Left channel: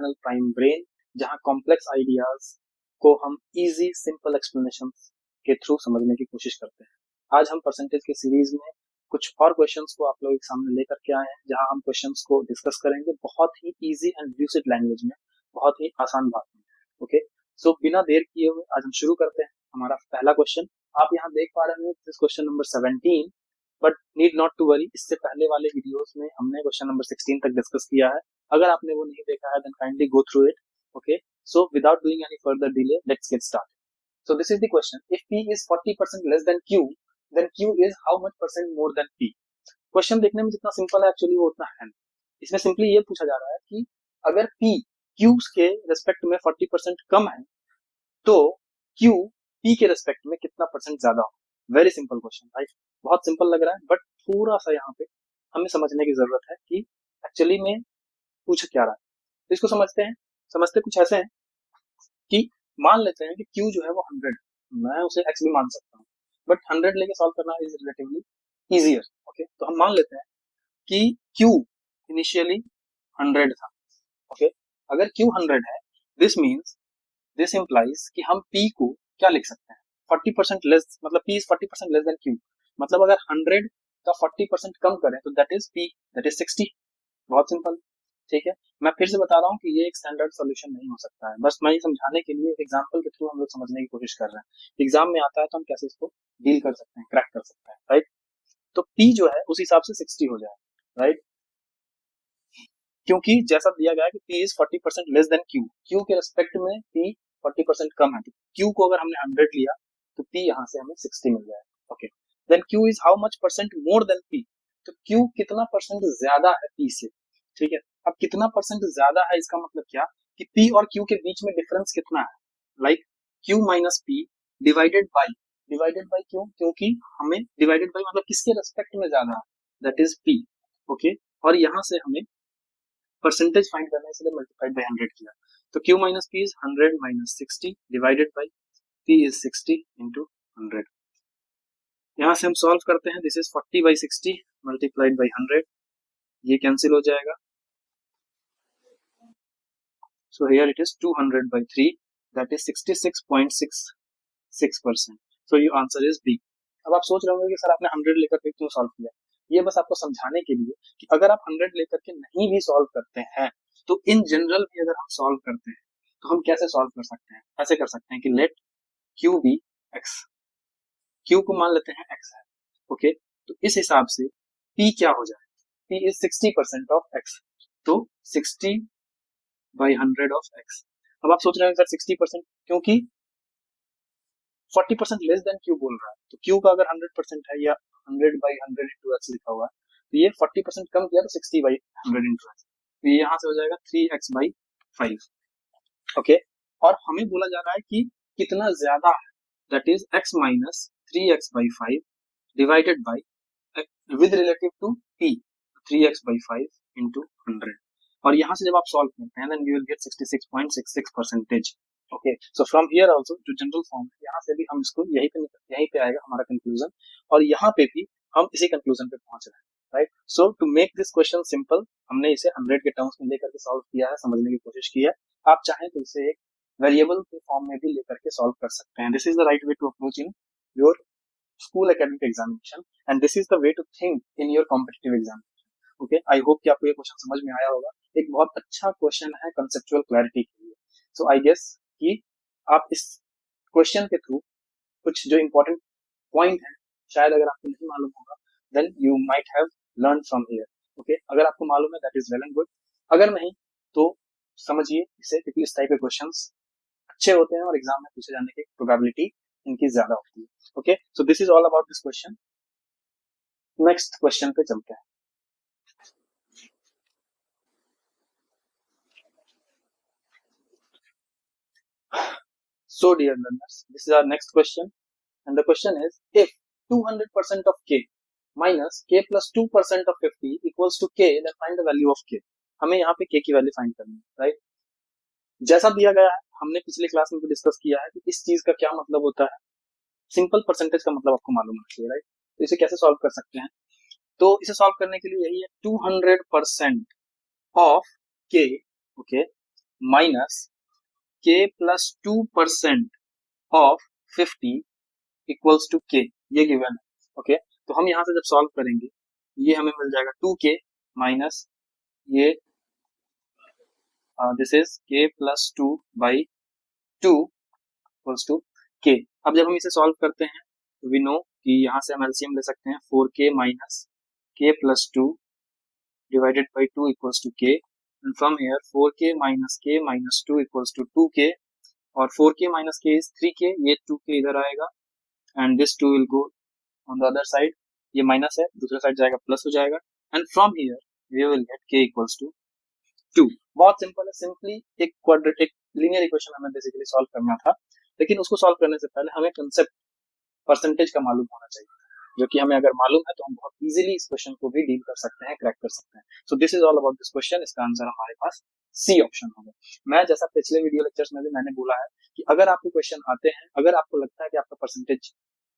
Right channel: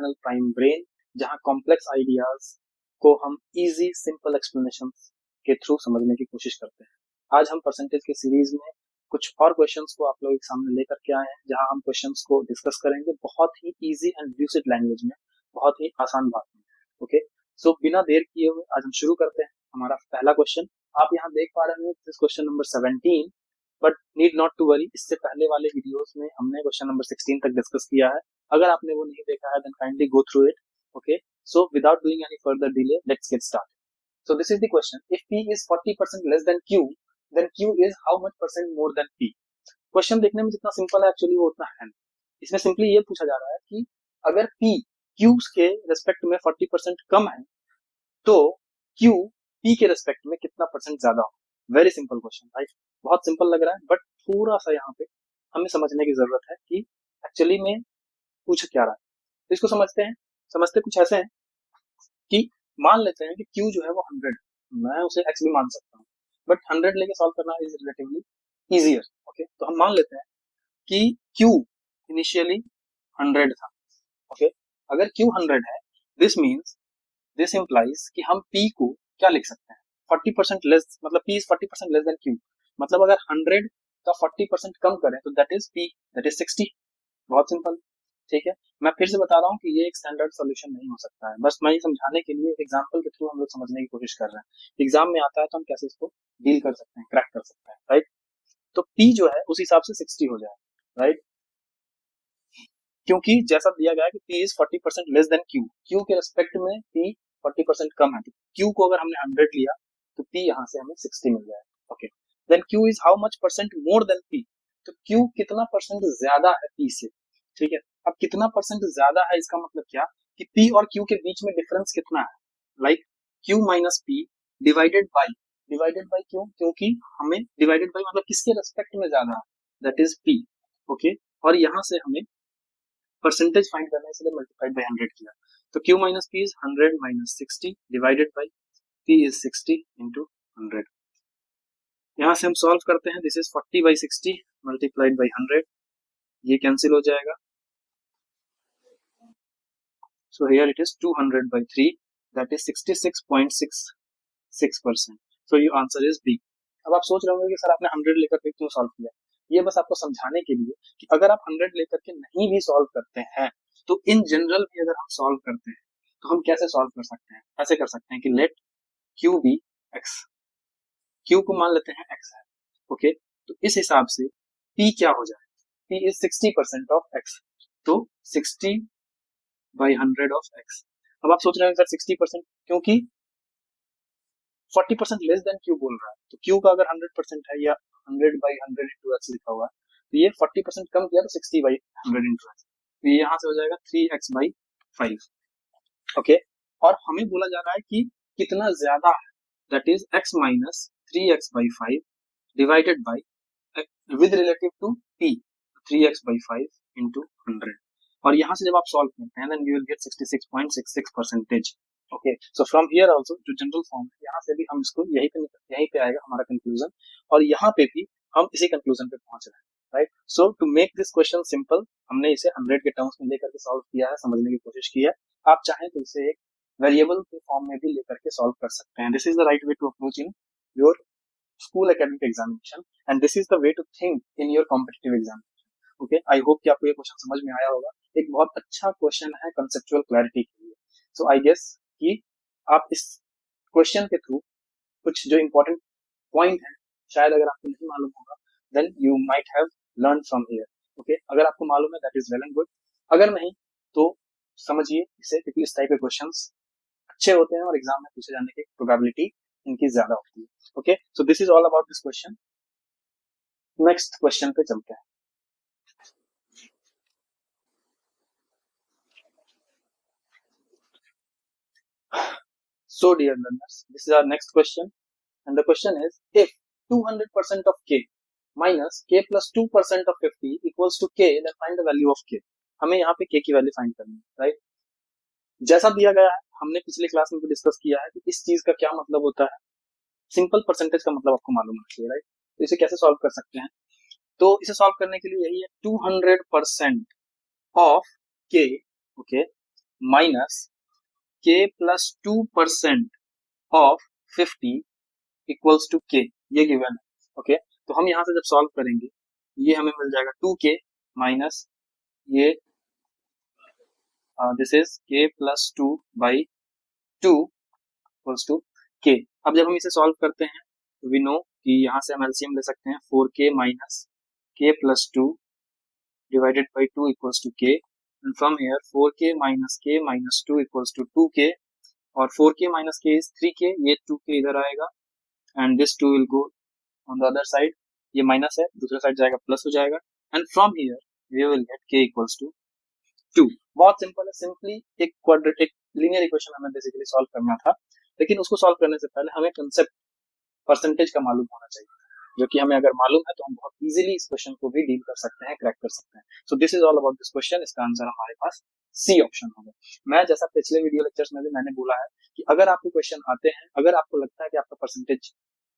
Channel prime brain, जहां complex ideas को हम इजी सिंपल एक्सप्लेनेशन के थ्रू समझने की कोशिश करते हैं। आज हम परसेंटेज के सीरीज में कुछ और क्वेश्चंस को आप लोगों के सामने लेकर के आए हैं, जहां हम क्वेश्चंस को डिस्कस करेंगे बहुत ही इजी एंड यूज्ड लैंग्वेज में, बहुत ही आसान बात में। ओके, सो बिना देर किए आज हम शुरू करते हैं। हमारा पहला क्वेश्चन आप यहाँ देख पा रहे हैं, question number 17, but need not to worry, इससे पहले वाले वीडियोस में हमने क्वेश्चन नंबर 16 तक डिस्कस किया है। अगर आपने वो नहीं देखा है then kindly go through it. Okay, so without doing any further delay let's get start. So this is the question. If P is 40% less than Q, then Q is how much percent more than P? Question देखने में जितना simple है actually वो उतना है नहीं। इसमें simply ये पूछा जा रहा है कि अगर P Q के रेस्पेक्ट में 40% कम है तो Q P के रेस्पेक्ट में कितना परसेंट ज्यादा हो। Very simple question, right? बहुत सिंपल लग रहा है, बट थोड़ा सा यहाँ पे हमें समझने की जरूरत है कि एक्चुअली में पूछ क्या रहा है। तो इसको समझते हैं। समझते कुछ ऐसे हैं कि मान लेते हैं कि Q जो है वो 100, मैं उसे X भी मान सकता हूँ, बट 100 लेके सॉल्व करना इज रिलेटिवली इजियर। ओके, तो हम मान लेते हैं कि Q इनिशियली 100 था। ओके, अगर Q 100 है, दिस इंप्लाइज कि हम P को क्या लिख सकते हैं, 40% लेस, मतलब P is 40% less than Q। मतलब अगर 100 का 40% कम करें तो that is P, that is 60। बहुत सिंपल, ठीक है। मैं फिर से बता रहा हूँ कि ये एक स्टैंडर्ड सॉल्यूशन नहीं हो सकता है, बस मैं ये समझाने के लिए एक एग्जांपल के थ्रू हम लोग समझने की कोशिश कर रहे हैं। एग्जाम में आता है तो हम कैसे इसको डील कर सकते हैं, क्रैक कर सकते हैं, राइट? तो P जो है उस हिसाब से 60 हो जाए, राइट? क्योंकि जैसा दिया गया है कि P is 40% less than Q, Q के रेस्पेक्ट में P 40% कम है, तो Q को अगर हमने 100 लिया तो P यहाँ से हमें 60 मिल जाएगा। Okay, then Q is how much percent more than P, तो Q कितना परसेंट ज्यादा है P से, ठीक है। अब कितना परसेंट ज्यादा है इसका मतलब क्या कि P और Q के बीच में डिफरेंस कितना है, like Q minus P divided by क्यों, क्योंकि हमें डिवाइडेड बाई मतलब किसके रेस्पेक्ट में ज्यादा है, दैट इज P। ओके, और यहाँ से हमें परसेंटेज फाइंड करना है, इसलिए मल्टीप्लाइड बाय 100 किया। तो Q minus P is 100 minus 60 divided by P is 60 into 100। यहाँ से हम सॉल्व करते हैं, this is 40 by 60 multiplied by 100, ये कैंसिल हो जाएगा। So here it is 200 by 3, that is 66.66%. So your answer is B. अब आप सोच रहे होंगे कि सर आपने 100 लेकर के क्यों सॉल्व किया। ये बस आपको समझाने के लिए कि अगर आप 100 लेकर के नहीं भी सॉल्व करते हैं तो इन जनरल भी अगर हम सॉल्व करते हैं तो हम कैसे सॉल्व कर सकते हैं, ऐसे कर सकते हैं कि let Q be X, Q को मान लेते हैं X है। ओके, तो इस हिसाब से P क्या हो जाए, P इज 60% ऑफ X, तो 60 बाई 100 ऑफ X। अब आप सोच रहे हैं सर 60%, क्योंकि 40% लेस देन Q बोल रहा है, तो Q का अगर 100% है या 100 बाई 100 इंटू X लिखा हुआ है, तो ये 40% कम किया तो 60 बाई 100 इंटू X, तो ये यहाँ से हो जाएगा 3X बाई 5। ओके, और हमें बोला जा रहा है कि कितना ज्यादा है, that is X minus 3X by 5 divided by with relative to P 3X by 5 into 100, और यहाँ से जब आप सॉल्व करते हैं then you will get 66.66%। Okay, so from here also जो जनरल फॉर्म है यहाँ से भी हम इसको यहीं पे आएगा हमारा कंक्लूजन, और यहाँ पे भी हम इसी कंक्लूजन पे पहुंच रहे हैं, right? So to make this question simple हमने इसे 100 के टर्म्स में लेकर के सॉल्व किया है, समझने की कोशिश की है। आप चाहें तो इसे एक वेरिएबल के फॉर्म में भी लेकर के सॉल्व कर सकते हैं। This is the right way to approach in your school academic examination and this is the way to think in your competitive examination. Okay, I hope कि आपको ये क्वेश्चन समझ में आया होगा। एक बहुत अच्छा क्वेश्चन है कंसेप्चुअल क्लैरिटी के लिए। सो आई गेस कि आप इस क्वेश्चन के थ्रू कुछ जो इंपॉर्टेंट पॉइंट है शायद अगर आपको नहीं मालूम होगा then you might have learn from here. Okay, अगर आपको मालूम है that is well and good, अगर नहीं तो समझिए इसे, क्योंकि इस टाइप के क्वेश्चंस अच्छे होते हैं और एग्जाम में पूछे जाने की प्रोबेबिलिटी इनकी ज्यादा होती है। Okay, so this is all about this question. Next question पे चलते हैं। So dear learners, this is our next question, and the question is if 200% of k minus k plus 2% of 50 equals to k, then find the value of k। हमें यहाँ पे k की value find करनी है, right? जैसा दिया गया है, हमने पिछले क्लास में भी डिस्कस किया है कि इस चीज का क्या मतलब होता है। सिंपल परसेंटेज का मतलब आपको मालूम होना चाहिए, राइट? तो इसे कैसे सॉल्व कर सकते हैं, तो इसे सॉल्व करने के लिए यही है 200% ऑफ k। ओके, माइनस के प्लस 2% ऑफ 50 इक्वल्स टू के, ये गिवन है। ओके, तो हम यहाँ से जब सॉल्व करेंगे ये हमें मिल जाएगा 2k माइनस ये this is k plus 2 by 2 equals to K. अब जब हम इसे सॉल्व करते हैं तो वी नो कि यहाँ से हम एलसीएम ले सकते हैं 4k minus k plus 2 divided by 2 equals to k, and from here 4k minus k minus 2 equals to 2k, और 4k minus k is 3k, ये 2k इधर आएगा and this 2 will go on the other side, ये minus है दूसरे side जाएगा plus हो जाएगा, and from here we will get k equals to 2। बहुत सिंपल है, सिंपली एक लीनियर इक्वेशन हमें बेसिकली सॉल्व करना था, लेकिन उसको सॉल्व करने से पहले हमें कंसेप्ट परसेंटेज का मालूम होना चाहिए, जो कि हमें अगर मालूम है तो हम बहुत इजीली इस क्वेश्चन को भी डील कर सकते हैं, क्रैक कर सकते हैं। सो this is all about this question. इसका आंसर हमारे पास सी ऑप्शन होगा। मैं जैसा पिछले वीडियो लेक्चर्स में भी मैंने बोला है कि अगर आपको क्वेश्चन आते हैं, अगर आपको लगता है कि आपका परसेंटेज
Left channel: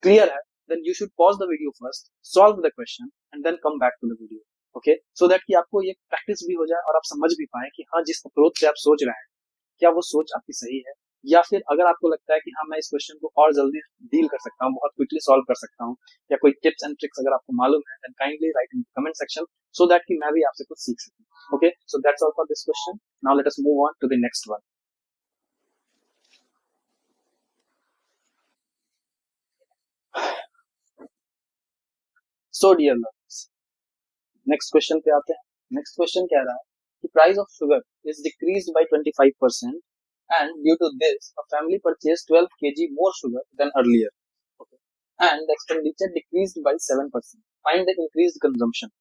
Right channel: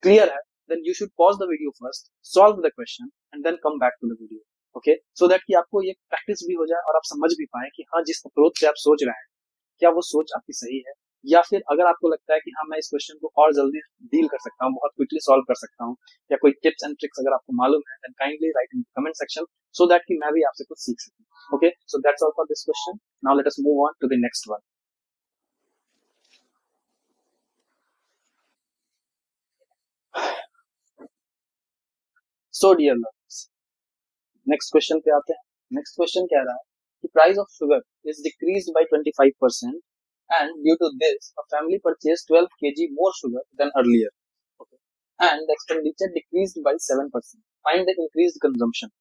क्लियर है, then you should pause the video first, solve the question and then come back to the video. Okay, so that कि आपको ये प्रैक्टिस भी हो जाए और आप समझ भी पाए कि हाँ, जिस अप्रोच से आप सोच रहे हैं क्या वो सोच आपकी सही है, या फिर अगर आपको लगता है कि हाँ मैं इस क्वेश्चन को और जल्दी डील कर सकता हूँ, बहुत क्विकली सॉल्व कर सकता हूँ, या कोई टिप्स एंड ट्रिक्स अगर आपको मालूम है, then kindly write in comment section so that कि मैं भी आपसे कुछ सीख सकूं। Okay, so that's all for this question. Now let us move on to the next one. So dear learners, next question पे आते हैं। नेक्स्ट क्वेश्चन कह रहा है कि price of sugar is decreased by 25% and due to this a family purchased 12 kg more sugar than earlier, and the expenditure decreased by 7%. Find the increased consumption.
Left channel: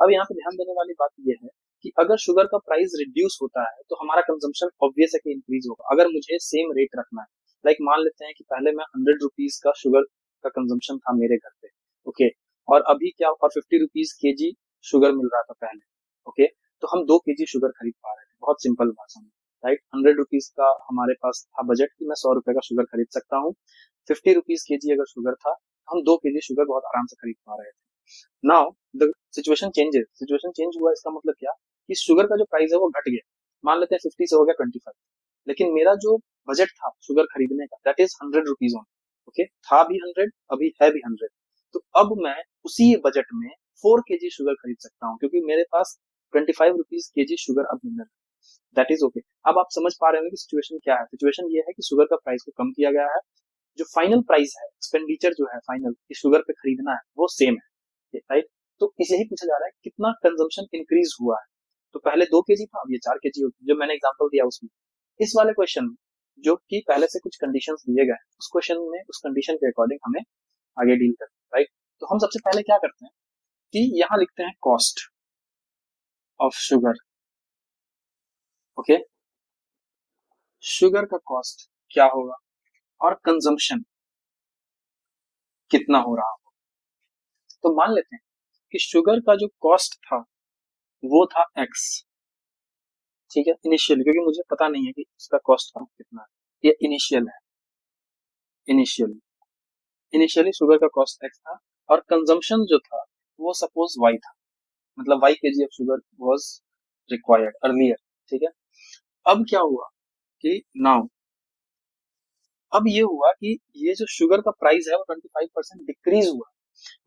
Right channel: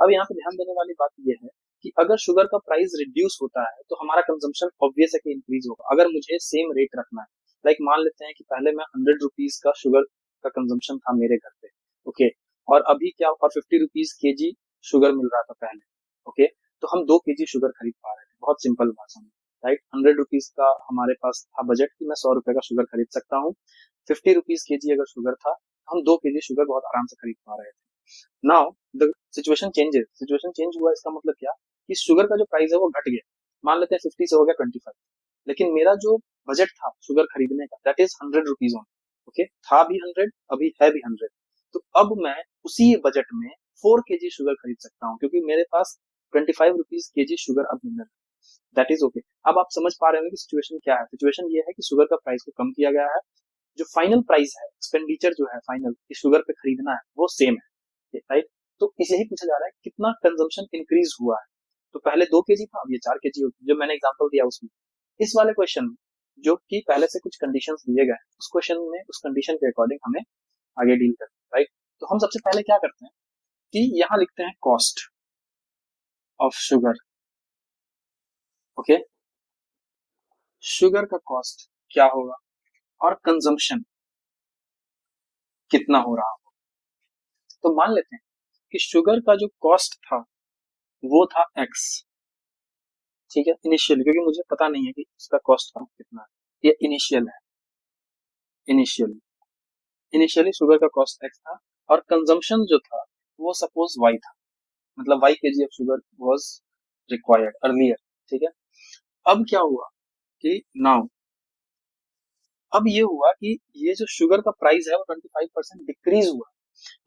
अब यहाँ पे ध्यान देने वाली बात यह है कि अगर शुगर का प्राइस रिड्यूस होता है तो हमारा कंजम्पशन ऑब्वियस है कि इंक्रीज होगा। अगर मुझे सेम रेट रखना है, लाइक मान लेते हैं कि पहले मैं 100 रुपीज का शुगर का कंजम्पशन था मेरे घर पे, ओके, और अभी क्या, और 50 रुपीज के जी शुगर मिल रहा था पहले, ओके, तो हम 2 केजी शुगर खरीद पा रहे थे। बहुत सिंपल भाषा में, राइट, 100 रुपीज का हमारे पास था बजट कि मैं 100 रुपए का शुगर खरीद सकता हूँ। 50 रुपीज के जी अगर शुगर था, हम 2 केजी शुगर बहुत आराम से खरीद पा रहे थे। Now situation changes, situation change हुआ, इसका मतलब क्या कि शुगर का जो प्राइस है वो घट गया। मान लेते हैं 50 से हो गया 25, लेकिन मेरा जो बजट था शुगर खरीदने का that is 100 rupees on, okay, था भी 100, अभी है भी 100, तो अब मैं उसी बजट में 4 केजी शुगर खरीद सकता हूँ, क्योंकि मेरे पास 25 रुपीज के जी शुगर अब मिल रहा है। That is okay. अब आप समझ पा रहे होंगे कि सिचुएशन क्या है। सिचुएशन ये है कि शुगर का प्राइस को कम किया गया है, जो फाइनल प्राइस है, एक्सपेंडिचर जो है फाइनल इस शुगर पे खरीदना है वो सेम है, राइट। तो इसे ही पूछा जा रहा है कितना कंजम्पशन इंक्रीज हुआ है। तो पहले 2 केजी था, ये 4 केजी, जो मैंने एग्जांपल दिया उसमें। इस वाले क्वेश्चन में जो कि पहले से कुछ कंडीशंस दिए गए हैं, उस क्वेश्चन में उस कंडीशन के अकॉर्डिंग हमें आगे डील करना है, राइट। तो हम सबसे पहले क्या करते हैं कि यहाँ लिखते हैं cost of sugar, okay, sugar का कॉस्ट क्या होगा और कंजम्पशन कितना हो रहा होगा। तो मान लेते हैं कि शुगर का जो कॉस्ट था वो था x, ठीक है, इनिशियल, क्योंकि मुझे पता नहीं है कि इसका कॉस्ट कितना है, ये इनिशियल है, इनिशियली शुगर का कॉस्ट x था, और कंजम्पशन जो था वो सपोज y था, मतलब y kg of sugar was required earlier, ठीक है। अब क्या हुआ कि नाउ अब ये हुआ कि ये जो शुगर का प्राइस है वो 25% डिक्रीज हुआ,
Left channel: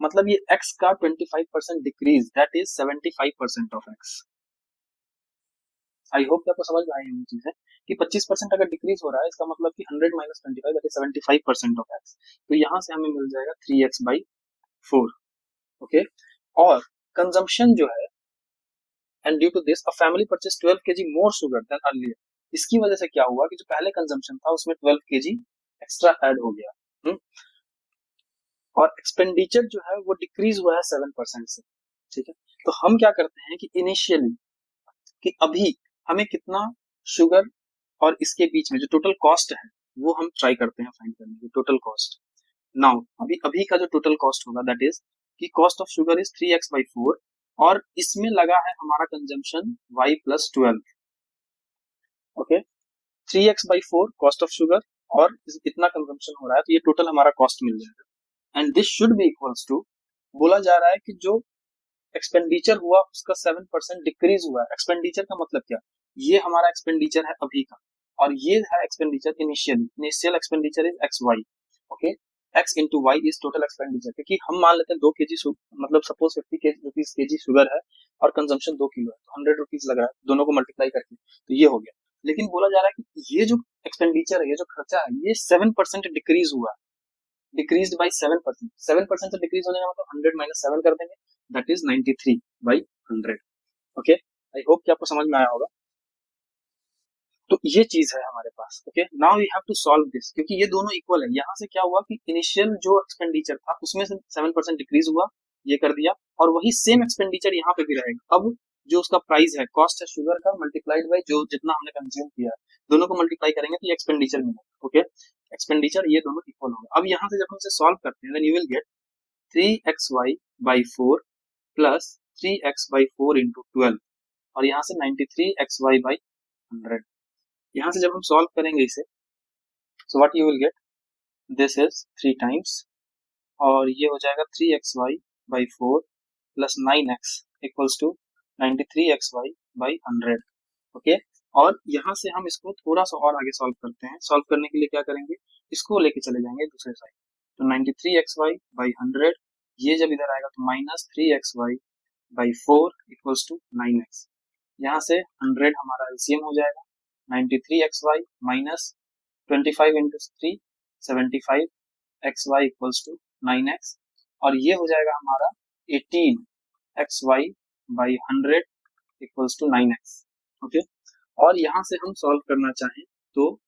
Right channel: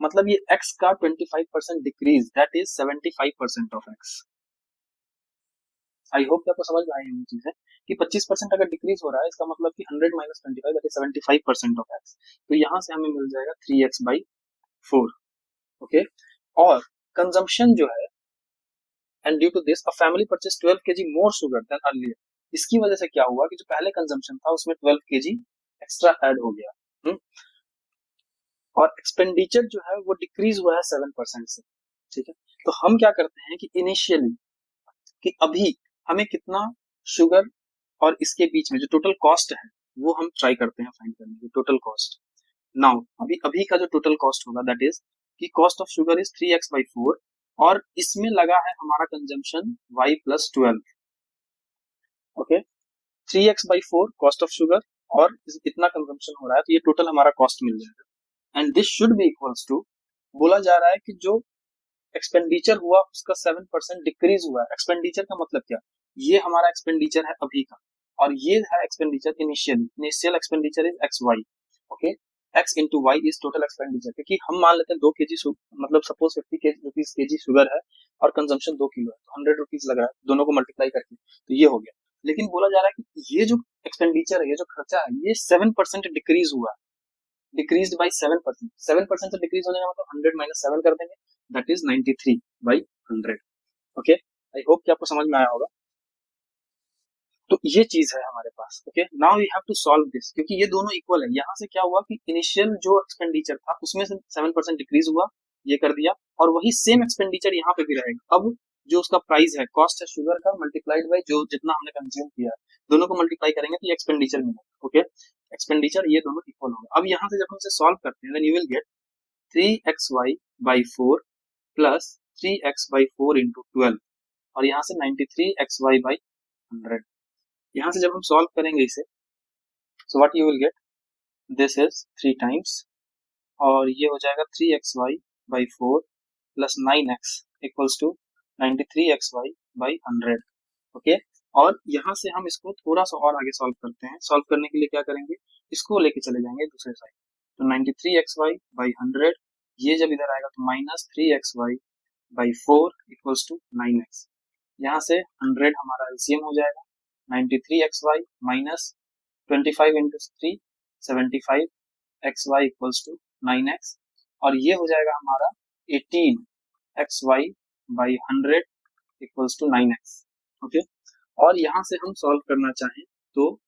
मतलब ये x का 25% decrease, that is 75% of x। I hope आपको समझ में आई होंगी चीजें कि 25% अगर डिक्रीज हो रहा है, इसका मतलब कि 100 minus 25 that is 75% of x। तो यहाँ से हमें मिल जाएगा 3x/4, ओके। और कंजम्पशन जो है, and due to this a family purchase 12 KG more sugar than earlier, इसकी वजह से क्या हुआ कि जो पहले कंजम्पशन था उसमें 12 केजी एक्स्ट्रा ऐड हो गया, और एक्सपेंडिचर जो है वो डिक्रीज हुआ है 7% से, ठीक है। तो हम क्या करते हैं कि इनिशियली कि अभी हमें कितना शुगर और इसके बीच में जो टोटल कॉस्ट है वो हम ट्राई करते हैं फाइंड करने की, टोटल कॉस्ट। नाउ अभी अभी का जो टोटल कॉस्ट होगा दैट इज कि cost of sugar is 3x/4, और इसमें लगा है हमारा consumption y+12, okay, 3x/4 cost of sugar, और इतना कंजम्पशन हो रहा है, तो ये टोटल हमारा कॉस्ट मिल जाएगा, and this should be equals to, बोला जा रहा है कि जो एक्सपेंडिचर हुआ उसका 7% डिक्रीज हुआ है। एक्सपेंडिचर का मतलब क्या, ये हमारा एक्सपेंडिचर है अभी का, और ये है expenditure initial expenditure is X Y, okay. X into Y is total expenditure, क्योंकि हम मान लेते हैं 2 kg, मतलब सपोज 50 रुपीज शुगर है और कंजम्पशन 2 किलो है, तो 100 रुपीज लग रहा है, दोनों को मल्टीप्लाई करके, तो ये हो गया। लेकिन बोला जा रहा है कि ये जो एक्सपेंडिचर है, ये जो खर्चा है, ये 7% डिक्रीज हुआ है, डिक्रीज बाई 7%। 7% से डिक्रीज होने का मतलब 100 माइनस 7 कर देंगे, that is 93/100, okay. I hope कि आपको समझ में आया होगा। तो ये चीज है हमारे पास, okay. Now we have to solve this, क्योंकि ये दोनों इक्वल है। यहाँ से क्या हुआ कि इनिशियल जो एक्सपेंडिचर था उसमें से 7% डिक्रीज हुआ, ये कर दिया, और वही सेम एक्सपेंडिचर यहाँ पे भी रहेगा। अब जो उसका प्राइस है, कॉस्ट है शुगर का, मल्टीप्लाइड बाई जो जितना हमने कंज्यूम किया है, दोनों को मल्टीप्लाई करेंगे तो ये एक्सपेंडिचर मिलेगा, ओके। एक्सपेंडिचर ये दोनों इक्वल होगा। अब यहाँ से जब हम इसे सॉल्व करते हैं, then you will get 3xy/4 plus 3x/4 into 12, और यहाँ से 93xy/100। यहाँ से जब हम सॉल्व करेंगे इसे, so what you will gate, this is 3 times, और ये हो जाएगा 3xy/4 plus 9x equals to 93xy/100, okay. और यहाँ से हम इसको थोड़ा सा और आगे सॉल्व करते हैं। सॉल्व करने के लिए क्या करेंगे, इसको लेके चले जाएंगे दूसरे साइड, तो 93xy/100, ये जब इधर आएगा तो minus 3xy/4 equals to 9x। यहाँ से 100 हमारा एलसीएम हो जाएगा, 93xy minus 25 into 3 75xy equals to 9x, और ये हो जाएगा हमारा 18xy/100 equals to 9x, okay. और यहाँ से हम सॉल्व करना चाहें तो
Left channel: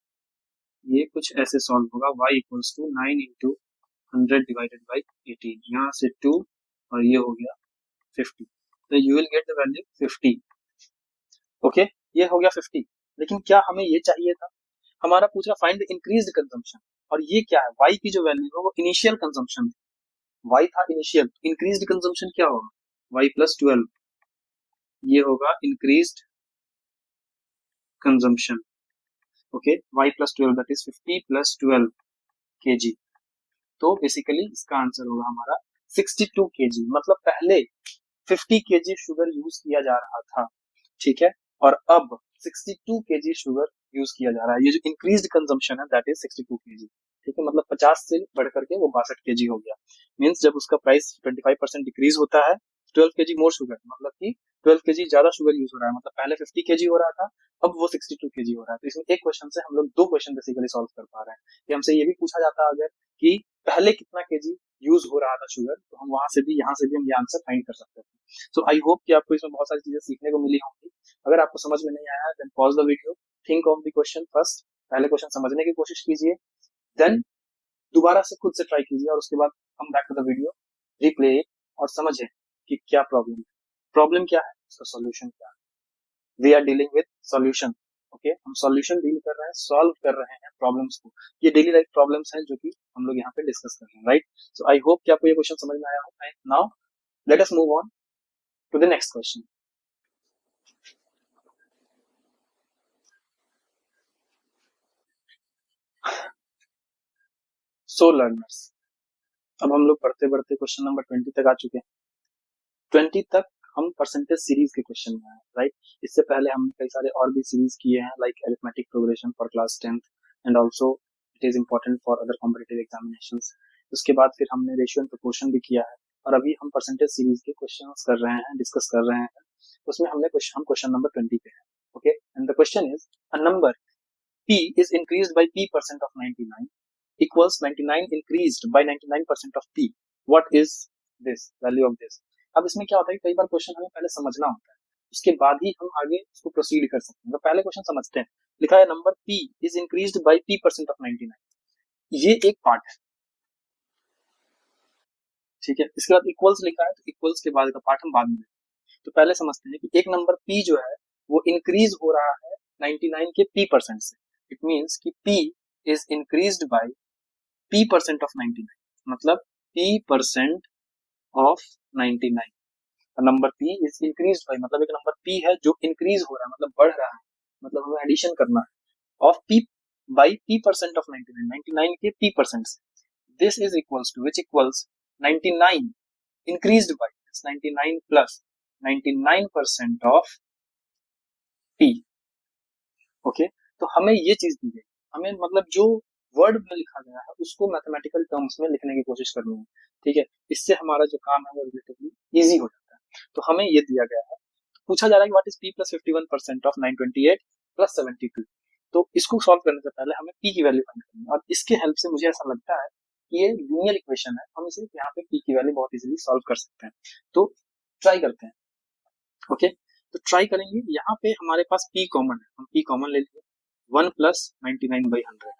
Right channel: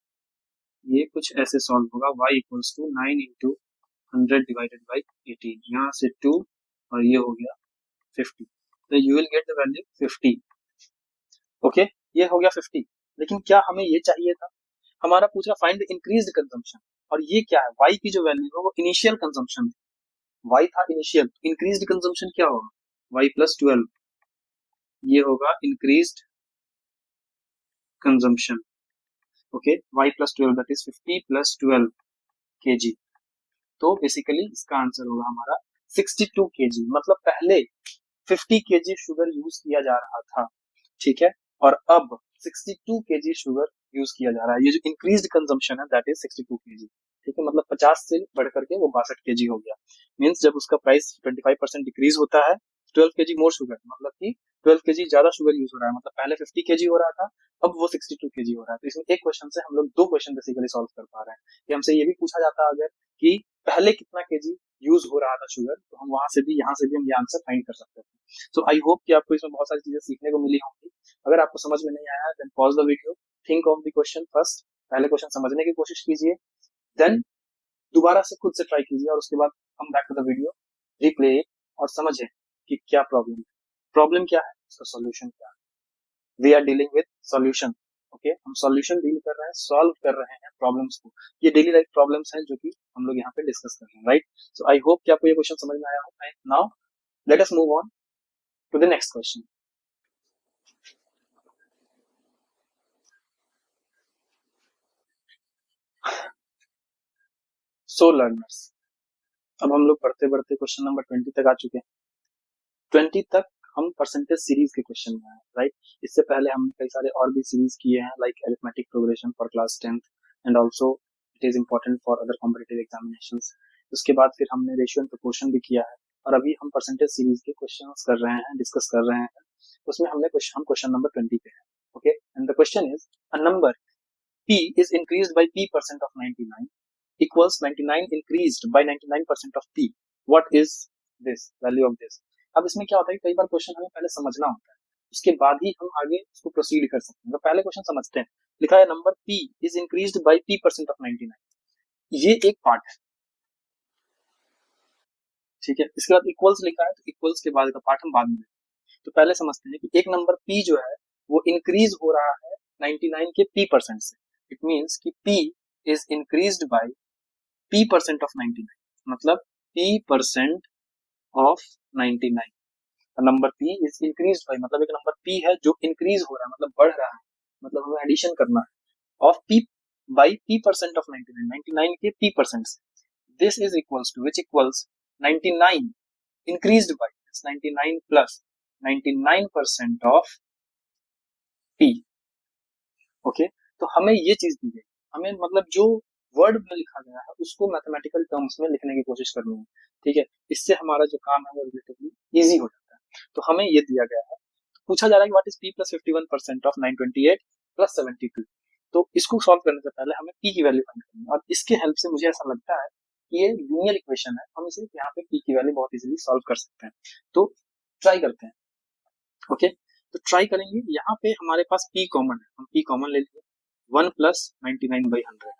ये कुछ ऐसे सॉल्व होगा, y equals to 9 into 100 divided by 18, यहाँ से 2 और ये हो गया 50, तो you will get the value 50, okay. ये हो गया 50। लेकिन क्या हमें ये चाहिए था, हमारा पूछा फाइंड द इंक्रीज्ड कंजम्पशन, और ये क्या है, y की जो वैल्यू है वो इनिशियल कंजम्पशन, y था इनिशियल, इंक्रीज्ड कंजम्पशन क्या होगा, y प्लस 12, ये होगा increased consumption, okay. y plus 12 that is 50 plus 12 kg, तो बेसिकली इसका आंसर होगा हमारा 62 kg, मतलब पहले 50 kg शुगर यूज किया जा रहा था, ठीक है, और अब 62 kg शुगर यूज किया जा रहा है। ये जो इंक्रीज्ड कंजम्पशन है दैट इज 62 kg, ठीक है, मतलब 50 से बढ़ करके वो 62 kg हो गया। मींस जब उसका प्राइस 25% डिक्रीज होता है, 12 kg मोर शुगर, मतलब कि 12 kg ज्यादा शुगर यूज हो रहा है, मतलब पहले 50 kg हो रहा था, अब वो 62 kg हो रहा है। तो इसमें एक क्वेश्चन से हम लोग 2 क्वेश्चन बेसिकली सॉल्व कर पा रहे हैं कि हमसे ये भी पूछा जाता है अगर कि पहले कितना केजी यूज हो रहा था शुगर, तो हम वहां से भी यहाँ से भी हम ये आंसर फाइंड कर सकते हैं। सो आई होप कि आपको इसमें बहुत सारी चीजें सीखने को मिली होंगी। अगर आपको समझ में नहीं आया, pause the video, think of the question first, पहले क्वेश्चन समझने की कोशिश कीजिए, देन दोबारा से खुद से ट्राई कीजिए, और उसके बाद हम back to the video, replay और समझें कि क्या प्रॉब्लम है, प्रॉब्लम क्या है, उसका सॉल्यूशन क्या है। We are dealing with solution, okay. हम सॉल्यूशन डील कर रहे हैं, सॉल्व कर रहे हैं प्रॉब्लम्स को, ये डेली लाइफ प्रॉब्लम्स हैं जो कि हम लोग यहाँ पे डिस्कस कर रहे हैं, राइट। सो आई होप कि आपको ये क्वेश्चन समझ में आया हो। Now let us move on to the next question. So learners, अब हम लोग बढ़ते बढ़ते क्वेश्चन नंबर 20 तक आ चुके हैं। 20 तक हम परसेंटेज सीरीज के क्वेश्चन में हैं, राइट। इससे पहले हमने कई सारे और भी सीरीज किए हैं, like arithmetic progression for class 10th, and also it is important for other competitive examinations. उसके बाद फिर हमने रेशियो एंड प्रोपोर्शन भी किया है, और अभी हम परसेंटेज सीरीज के क्वेश्चन कर रहे हैं, डिस्कस कर रहे हैं। उसमें हमने क्वेश्चन नंबर 20 पे है, okay. And the question is a number p is increased by p% of 99 equals 99 increased by 99% of p. What is this value of this? अब इसमें क्या होता है, कई बार क्वेश्चन हमें पहले समझना होता है, उसके बाद ही हम आगे उसको प्रोसीड कर सकते हैं। पहले क्वेश्चन समझते हैं। लिखा है number p is increased by p% of 99, ये एक पार्ट है, ठीक है। इसके बाद इक्वल्स लिखा है, तो इक्वल्स के बाद का पार्ट हम बाद में। तो पहले समझते हैं कि एक नंबर p जो है वो इंक्रीज हो रहा है 99 के p% से। इट मींस कि p is increased by p% of 99, मतलब p% of 99, number p is increased by, मतलब एक नंबर p है जो इंक्रीज हो रहा है, मतलब बढ़ रहा है, मतलब हमें एडिशन करना है of p by p% of 99, 99 के p% से। this is equals to, which equals 99 increased by 99 plus 99% of p, okay। तो हमें ये चीज दी गई, हमें मतलब जो वर्ड में लिखा गया है उसको मैथमेटिकल टर्म्स में लिखने की कोशिश करनी है, ठीक है। इससे हमारा जो काम है वो रिलेटिवली इजी हो जाता है। तो हमें ये दिया गया है, पूछा जा रहा है कि what is p plus 51% of 928 plus 72। तो इसको सॉल्व करने से पहले हमें p की वैल्यू फाइंड करनी है, और इसके हेल्प से मुझे ऐसा लगता है कि ये लीनियर इक्वेशन है, हम इसे यहाँ पे p की वैल्यू बहुत इजीली सॉल्व कर सकते हैं। तो ट्राई करते हैं, ओके। तो ट्राई करेंगे, यहाँ पे हमारे पास p कॉमन है, हम p कॉमन ले लेंगे, 1 प्लस 99/100।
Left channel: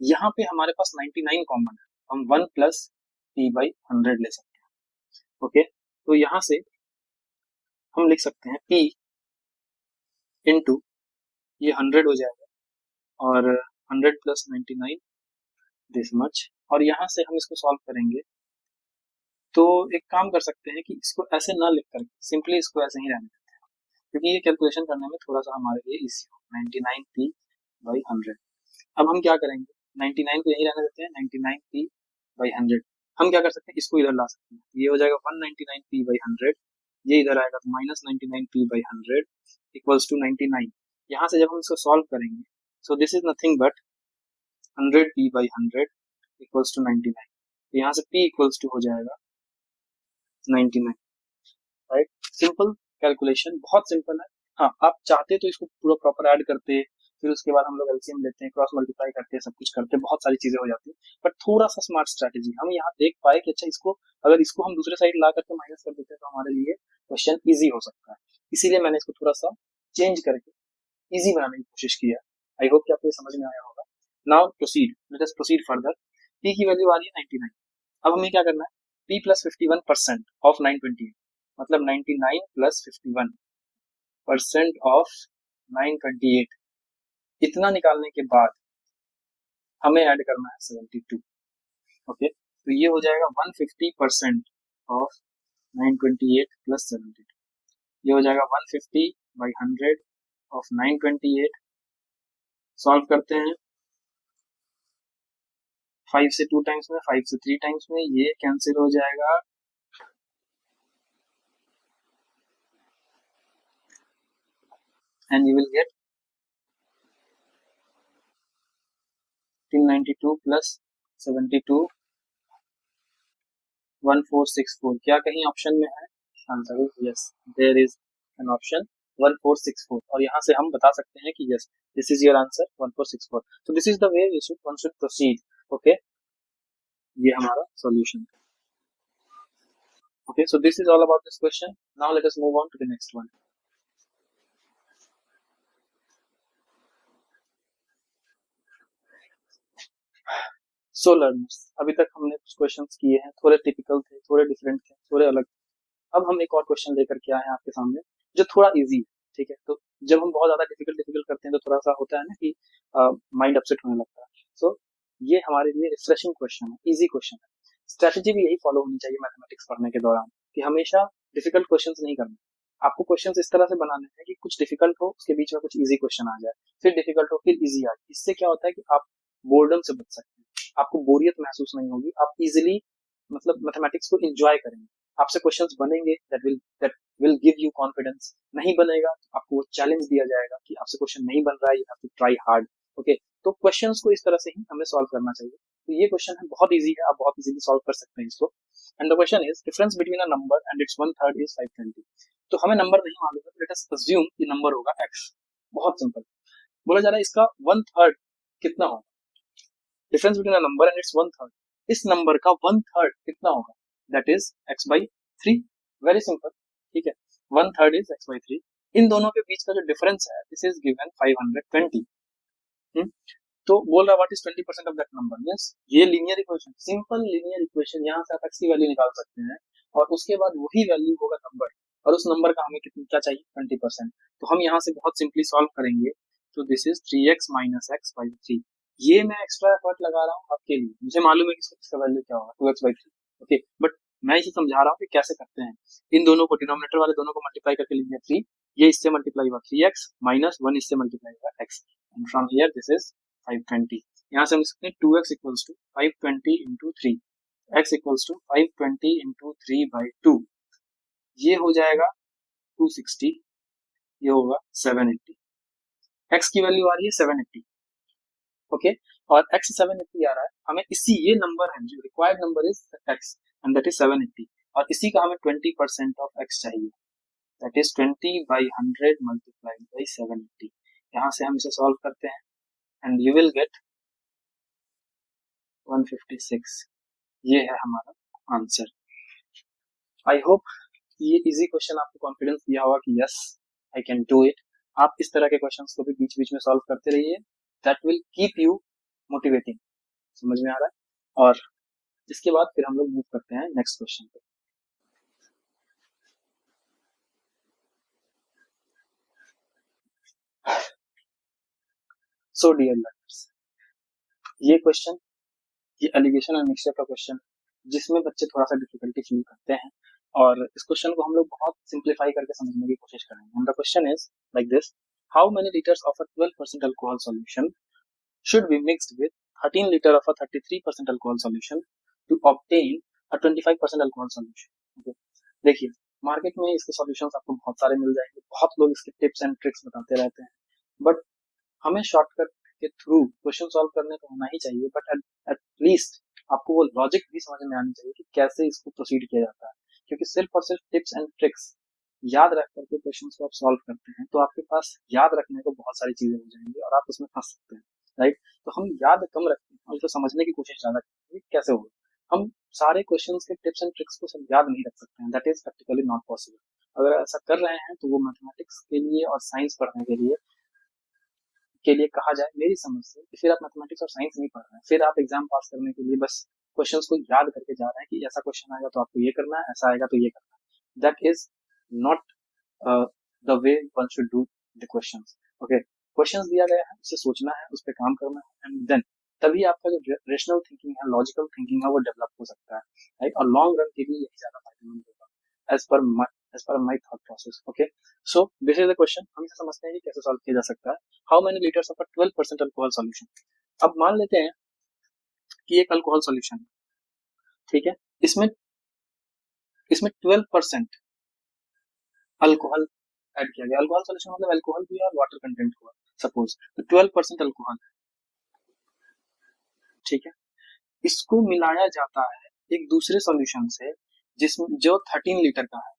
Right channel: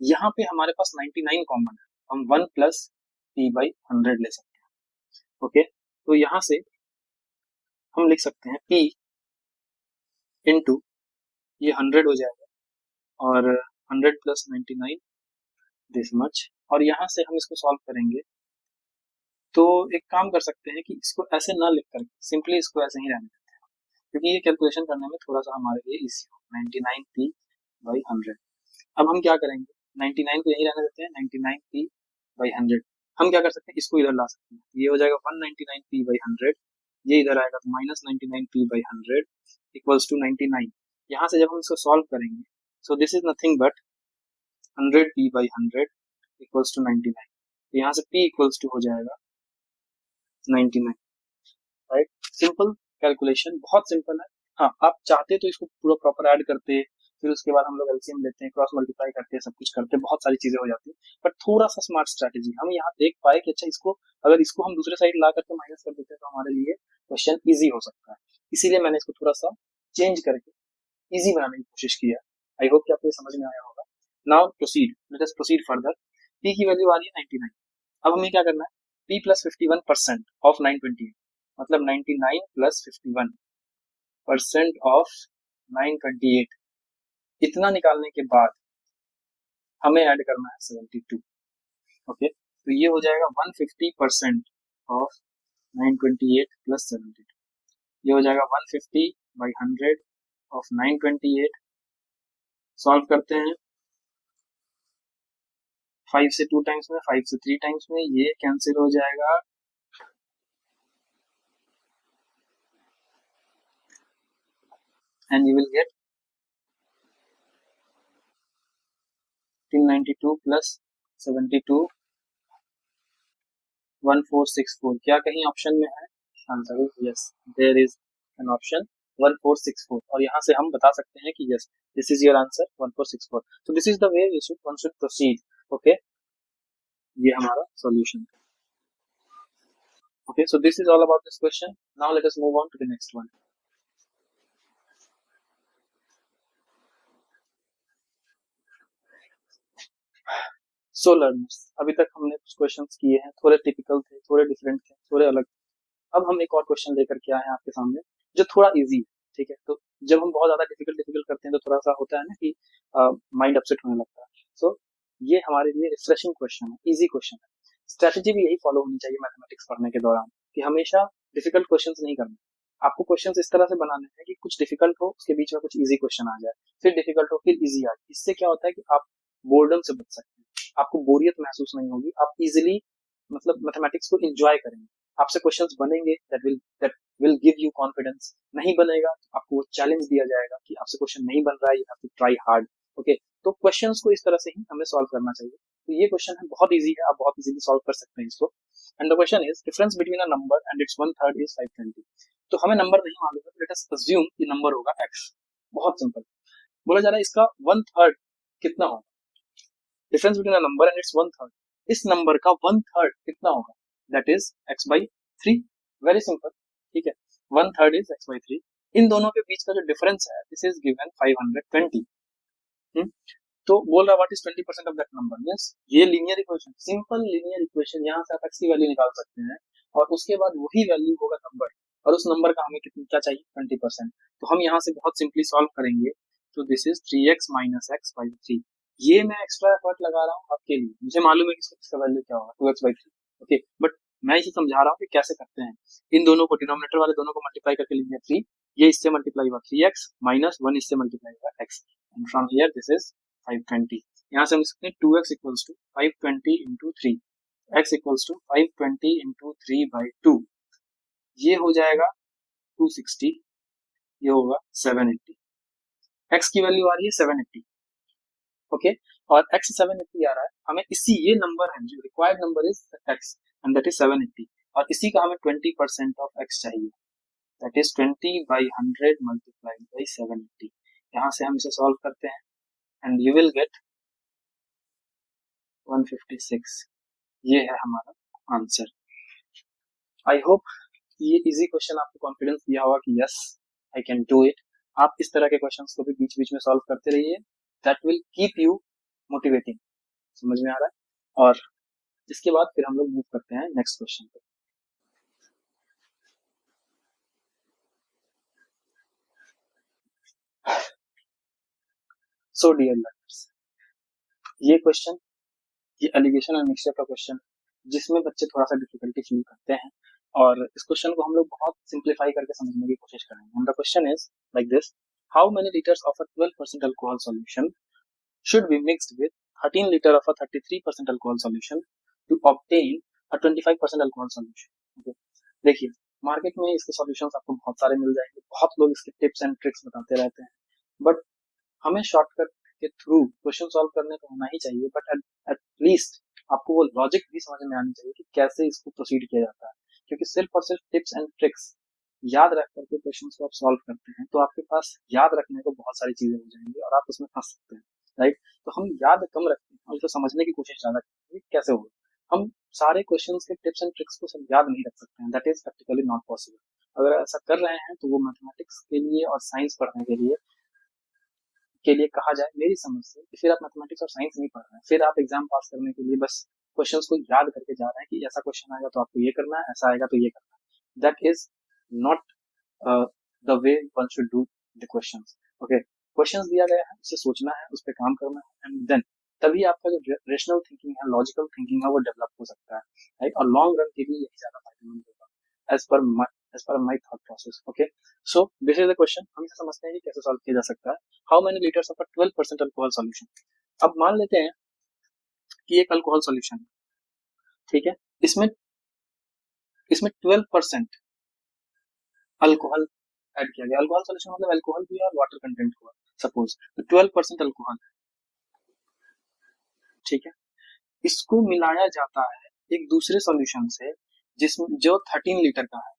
यहाँ पे हमारे पास 99 कॉमन है, हम 1 प्लस p/100 ले सकते हैं, ओके। तो यहाँ से हम लिख सकते हैं p इंटू ये 100 हो जाएगा, और 100 प्लस 99 दिस मच, और यहाँ से हम इसको सॉल्व करेंगे। तो एक काम कर सकते हैं कि इसको ऐसे ना लिख कर सिंपली इसको ऐसे ही रहने देते हैं, क्योंकि ये कैलकुलेशन करने में थोड़ा सा हमारे लिए इजी हो। 99p/100, अब हम क्या करेंगे, 99 को यही रहने देते हैं, 99p/100। हम क्या कर सकते हैं, इसको इधर ला सकते हैं, ये हो जाएगा 199p/100, ये इधर आएगा तो माइनस 99p/100 इक्वल्स टू 99। यहाँ से जब हम इसको सॉल्व करेंगे, so this is nothing but 100p/100 equals to 99। यहाँ से p इक्वल्स टू हो जाएगा 99, राइट। सिंपल कैलकुलेशन, बहुत सिंपल है। हाँ, आप चाहते तो इसको पूरा प्रॉपर ऐड करते, फिर उसके बाद हम लोग एलसीएम लेते हैं, क्रॉस मल्टीप्लाई करते हैं, सब कुछ करते हैं, बहुत सारी चीजें हो जाती है। बट थोड़ा सा स्मार्ट स्ट्रैटेजी हम यहाँ देख पाए कि अच्छा इसको, अगर इसको हम दूसरे साइड ला करके माइनस कर देते हैं तो हमारे लिए क्वेश्चन इजी हो सकता है, इसीलिए मैंने इसको थोड़ा सा चेंज करके इजी बनाने की कोशिश की है। आई होप कि आपको ये समझ में आया होगा। Now proceed, let us proceed further. p की वैल्यू आ रही है 99। अब हमें क्या करना है, p प्लस 51% ऑफ 928, मतलब 99 प्लस 51% ऑफ 928, इतना निकालने के बाद हमें ऐड करना है 72, ओके। तो ये हो जाएगा 150% ऑफ 928 प्लस 72, ये हो जाएगा 150/100 ऑफ 928। सॉल्व करते हैं, 5 से 2 टाइम्स में, 5 से 3 टाइम्स में, ये कैंसिल हो जाएगा, and you will get 392 plus 72 1464। क्या कहीं ऑप्शन में है answer? Yes, there is an option 1464, और यहाँ से हम बता सकते हैं कि yes, this is your answer 1464। तो this is the way we should proceed, okay. ये हमारा सॉल्यूशन है, okay. So this is all about this question. Now let us move on to the next one. So learners, अभी तक हमने कुछ questions किए हैं, थोड़े टिपिकल थे, थोड़े डिफरेंट थे, थोड़े अलग थे। अब हम एक और क्वेश्चन लेकर के आए हैं आपके सामने, जो थोड़ा इजी है, ठीक है। तो जब हम बहुत ज्यादा डिफिकल्ट डिफिकल्ट करते हैं तो थोड़ा सा होता है ना कि माइंड अपसेट होने लगता है। सो ये हमारे लिए रिफ्रेशिंग क्वेश्चन है, इजी क्वेश्चन है। स्ट्रेटेजी भी यही फॉलो होनी चाहिए मैथमेटिक्स पढ़ने के दौरान, कि हमेशा डिफिकल्ट क्वेश्चंस नहीं करना, आपको क्वेश्चंस इस तरह से बनाने हैं कि कुछ डिफिकल्ट हो, उसके बीच में कुछ इजी क्वेश्चन आ जाए, फिर डिफिकल्ट हो, फिर इजी आ जाए। इससे क्या होता है कि आप बोर्डम से बच सकते हैं, आपको बोरियत महसूस नहीं होगी, आप इजीली मतलब मैथमेटिक्स को एंजॉय करेंगे। आपसे क्वेश्चंस बनेंगे that will give you confidence, नहीं बनेगा तो आपको वो चैलेंज दिया जाएगा कि आपसे क्वेश्चन नहीं बन रहा है, you have to try hard, okay. तो क्वेश्चंस को इस तरह से ही हमें सॉल्व करना चाहिए। तो ये क्वेश्चन बहुत इजी है, आप बहुत इजीली सॉल्व कर सकते हैं इसको। And the question is difference between a number and it's one third is 520। तो हमें नंबर नहीं मालूम है, लेट अस अज्यूम कि नंबर होगा x। बहुत सिंपल, बोला जा रहा है इसका वन थर्ड कितना होगा, difference between a number and it's one third, इस नंबर का वन थर्ड कितना होगा, that is x/3। Very simple, ठीक है, वन थर्ड इज x/3। इन दोनों के बीच का जो डिफरेंस है, दिस इज गिवन 520। तो बोल रहा what is 20% of that number, means ये linear equation, simple linear equation, यहाँ से आप x की वैल्यू निकाल सकते हैं, और उसके बाद वही वैल्यू होगा नंबर, और उस नंबर का हमें कितना क्या चाहिए, 20%। तो हम यहाँ से बहुत सिंपली सॉल्व करेंगे, तो this is 3x minus x/3। ये मैं एक्स्ट्रा एफर्ट लगा रहा हूँ आपके लिए, मुझे मालूम है कि इसका वैल्यू क्या होगा, 2x/3, ओके। बट मैं इसे समझा रहा हूँ कि कैसे करते हैं। इन दोनों को, डिनोमिनेटर वाले दोनों को मल्टीप्लाई करके लिखेंगे 3, ये इससे मल्टीप्लाई हुआ 3x माइनस 1 इससे मल्टीप्लाई हुआ x, and from here this is 520। यहाँ से हम सकते हैं 2x equals to 520 into 3, x equals to 520 into 3/2, ये हो जाएगा 260, ये होगा 780, x की वैल्यू आ रही है 780, ओके, और x 780 आ रहा है, हमें इसी ये नंबर है जो required number is x and that is 780, और इसी का हमें 20% ऑफ x चाहिए, दैट इज 20/100 मल्टीप्लाइड बाई 780। यहाँ से हम इसे सॉल्व करते हैं एंड यू विल गेट 156। ये है हमारा आंसर। आई होप ये इजी क्वेश्चन आपको कॉन्फिडेंस दिया होगा कि yes I can do it. आप इस तरह के क्वेश्चंस को भी बीच बीच में सॉल्व करते रहिए, that will keep you motivating. समझ में आ रहा है? और इसके बाद फिर हम लोग मूव करते हैं नेक्स्ट क्वेश्चन पे। सो डियर लर्नर्स, ये क्वेश्चन, ये एलिगेशन और मिक्सचर का क्वेश्चन जिसमें बच्चे थोड़ा सा डिफिकल्टी फील करते हैं, और इस क्वेश्चन को हम लोग बहुत सिंप्लीफाई करके समझने की कोशिश करेंगे। And the question is like this: how many litres of a 12% alcohol solution should be mixed with 13 liter of a 33% alcohol solution to obtain a 25% alcohol solution? Okay. देखिए, मार्केट में इसके सॉल्यूशंस आपको बहुत सारे मिल जाएंगे, बहुत लोग इसके टिप्स एंड ट्रिक्स बताते रहते हैं, बट हमें शॉर्टकट के थ्रू क्वेश्चन सॉल्व करने तो होना ही चाहिए, बट एट लीस्ट आपको वो लॉजिक भी समझ में आनी चाहिए कि कैसे इसको प्रोसीड किया जाता है, क्योंकि सिर्फ और सिर्फ टिप्स एंड ट्रिक्स याद रख करके क्वेश्चन को आप सॉल्व करते हैं तो आपके पास याद रखने को बहुत सारी चीजें हो जाएंगी और आप उसमें फंस सकते हैं, राइट? तो हम याद कम रखते हैं और उसे समझने की कोशिश ज्यादा करते हैं कैसे होगा। हम सारे क्वेश्चन के टिप्स एंड ट्रिक्स को सब याद नहीं रख सकते हैं, that is practically not possible. अगर ऐसा कर रहे हैं तो वो मैथमेटिक्स के लिए और साइंस पढ़ने के लिए कहा जाए मेरी समझ से कि फिर आप मैथमेटिक्स और साइंस नहीं पढ़ रहे हैं, फिर आप एग्जाम पास करने के लिए बस क्वेश्चंस को याद करके जा रहे हैं कि ऐसा क्वेश्चन आएगा तो आपको ये करना है, ऐसा आएगा तो ये करना है। That is not the way one should do the questions. Okay, questions दिया गया है, उसे सोचना है, उस पर काम करना है, एंड देन तभी आपका जो रेशनल थिंकिंग है, लॉजिकल थिंकिंग है, वो डेवलप हो सकता है, राइट? और लॉन्ग रन के लिए यही ज्यादा फायदेमंद होगा as per my thought process. Okay, so this is the question. हम इसे समझते हैं कि कैसे सॉल्व किया जा सकता है। How many litres of a 12% alcohol solution? अब मान लेते हैं कि एक अल्कोहल सॉल्यूशन है, ठीक है, इसमें इसमें 12% अल्कोहल ऐड किया गया। अल्कोहल सॉल्यूशन मतलब अल्कोहल भी और वाटर कंटेंट हुआ, सपोज 12% अल्कोहल, ठीक है, इसको मिलाया जाता है एक दूसरे सॉल्यूशन से जिसमें जो 13 लीटर का है